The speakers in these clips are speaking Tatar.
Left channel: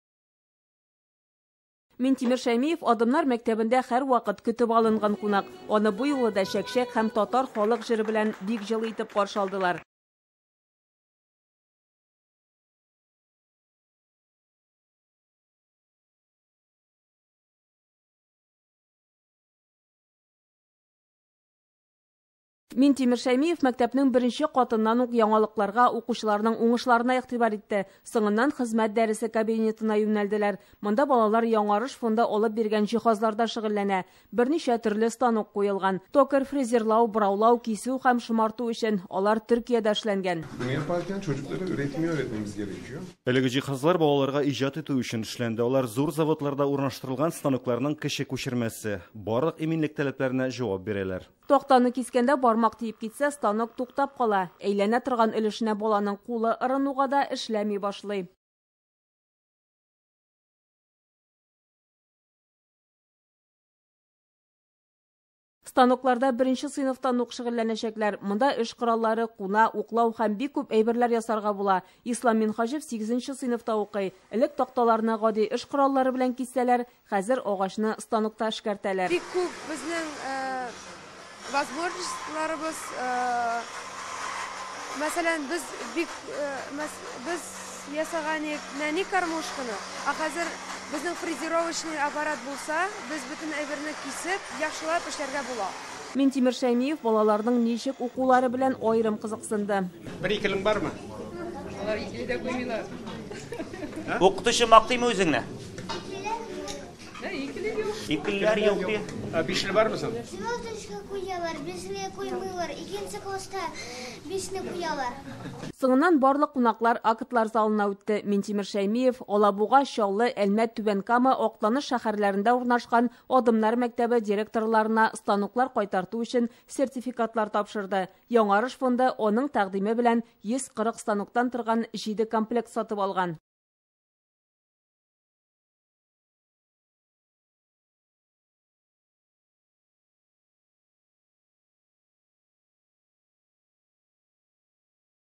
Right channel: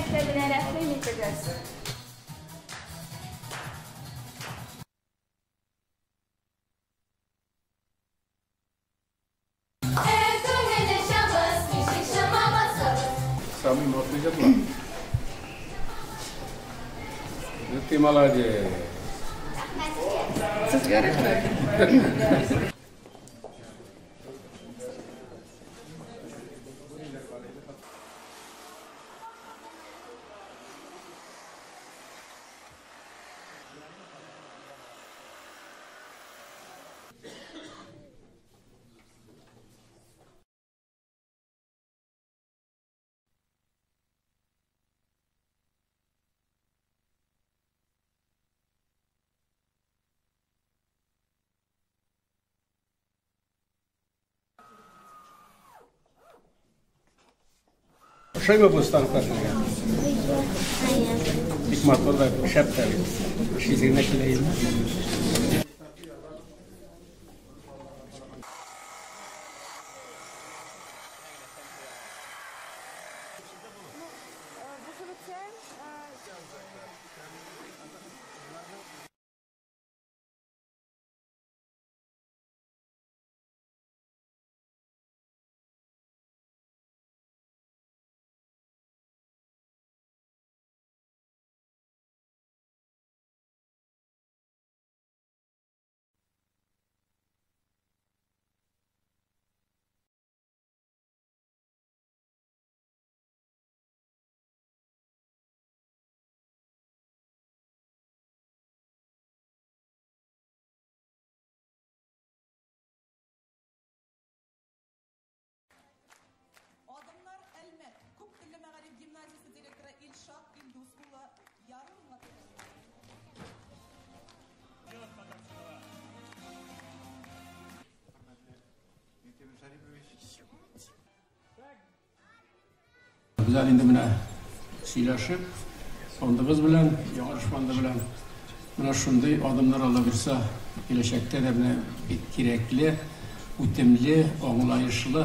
мәктәбенә рәхим итегез. Минтимер Шәймиев Адымнар мәктәбендә һәр вакыт көтеп алынган кунак. Аны бу юлы да шәкшәк һәм татар халык җыры белән бик җылы итеп каршы алдылар. Минтимер Шәймиев мәктәпнең беренче катыннан ук яңалыкларга, укучыларның уңышларына игътибар итте. Соңыннан хезмәт дәресе кабинетына юнәлделәр. Монда балалар яңарыш фонда алып биргән җиһазларда шөгыльләнә. Берничә төрле станок куелган. Токар, фрезерлау, быраулау, кисү һәм шомарту өчен алар Төркиядә эшләнгән. Bunu yaparken çocuklara üretimi öğretmemiz gerekiyor. Әлеге җиһазлар балаларга иҗат итү өчен эшләнде. Алар зур заводларда урнаштырылган станокларның кече күчермәсе. Барлык иминлек таләпләренә җавап бирәләр. Токтаны кискәндә бармак тиеп китсә, станок туктап кала. Әйләнә торган өлешенә баланың кулы ырынуга да эшләми башлый. Шайба bu станоклар. Бик матур шәптәр. Шизгенә киләйме? Станокларда беренче сыйныфтан ук шөгыльләнәчәкләр. Монда эш кораллары, куна, уклау һәм бик күп әйберләр ясарга була. Ислам Минхаҗев 8нче сыйныфта укый. Элек такталарны гади эш кораллары белән киссәләр, хәзер агачны станокта эшкәртәләр. Бик күп безнең возможностьларыбыз, мәсәлән, без ясаган нәни кормушканы, хәзер безнең фрезеровочный аппарат булса, без бөтен әйберне кисеп, яхшылап эшләргә була. Минтимер Шәймиев балаларның ничек укулары белән аерым кызыксынды. Бер-икелең бармы? Алар икеле дә куймыйлар. Укытучы мактыймы үзеңне? Икеләр юк ди. Бишле бармысың? Синоточка куялар, бишне куймыйлар, икенче класста бишне куялар. Соңыннан барлык кунаклар актлар залына үтте. Минтимер Шәймиев Алабуга, Чаллы, Әлмәт, Түбән-Кама, Актаныш шәһәрләрендә урнашкан Адымнар мәктәбе директорларына станоклар кайтарту өчен сертификатлар тапшырды. Яңарыш фонды аның тәкъдиме белән 140 станоктан торган 7 комплект сатып алган. Без инде менә сөйләшеп, фондыбыз белән, яңарыш фонды белән менә шундый адымнар ала бирсә, киләчәктә дә менә бик кирәкле, үтемле, аңлаешлы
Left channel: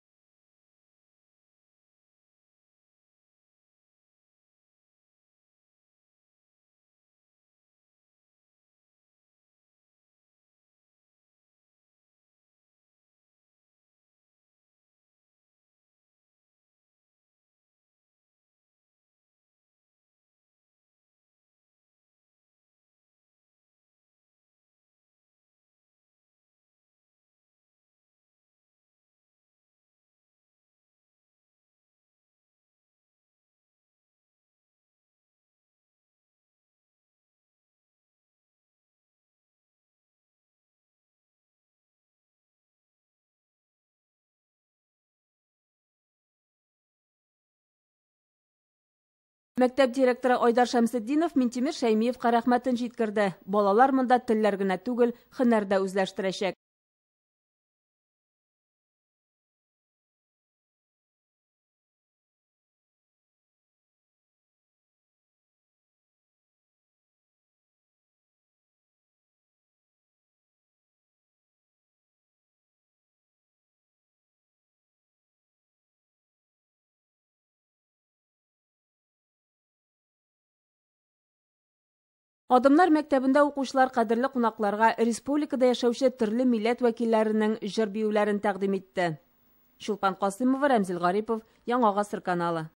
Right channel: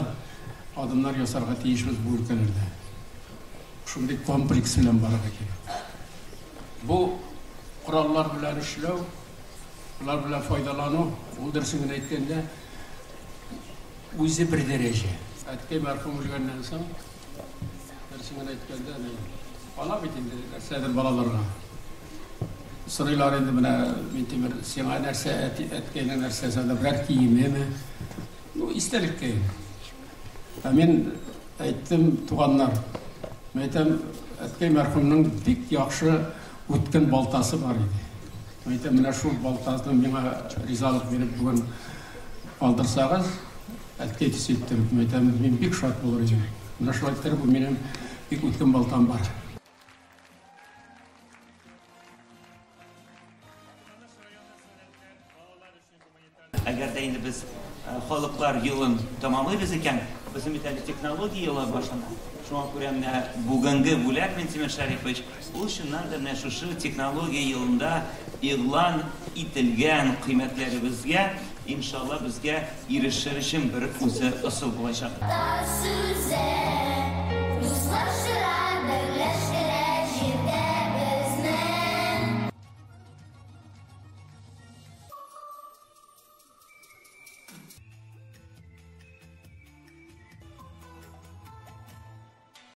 adımlar yasarga tiyişimiz bu ülkelerde. Şunday kompleks bilen baraka gerek. Bu kurallar bilen işlev, bunlar bilen faydalanı, o dersinin aytganda o'zi bir derece. Aytkay marhum bo'lgandan so'ng dersinin aytganda bala bitindi derslerde balalarga. So'raylar endi mana Mintimir senga narsa aytgan narsasida bir kiyimmi? Bu istelikka. Men aytdim tuğanlar, aytdim Әткәй мәрхүмнең бик яхшы үткен балтасы бар иде. Әйтәм, менә шул балтасны миңа ризалык биреп бүген алдырсагыз, Әткәй төсеттем. Әйтәм, мин бик шат булыр идем. Менә шулай итеп, бу минем бик үткен балтам бар. Мәктәп директоры Айдар Шәмсетдинов Минтимер Шәймиевка рәхмәтен җиткерде. Балалар монда телләр генә түгел, һөнәр дә үзләштерәчәк. Әгәр дә инде без халыклар елын тәмамлыйбыз икән, безнең технология елы башлана. Шуңа күрә менә бүгенге бүләк Минтимер Шәрифович ул чыннан да менә шушы технология елында игълан ителгән кыйммәтләребезгә иншалла безгә ирешер өчен бер үзе ысул булачак. Адымнар мәктәбендә укучылар кадерле кунакларга республикада яшәүче төрле милләт вәкилләренең җыр биюләрен тәкъдим итте. Чулпан Касыймова, Рәмзил Гарипов, Яңа Гасыр каналы.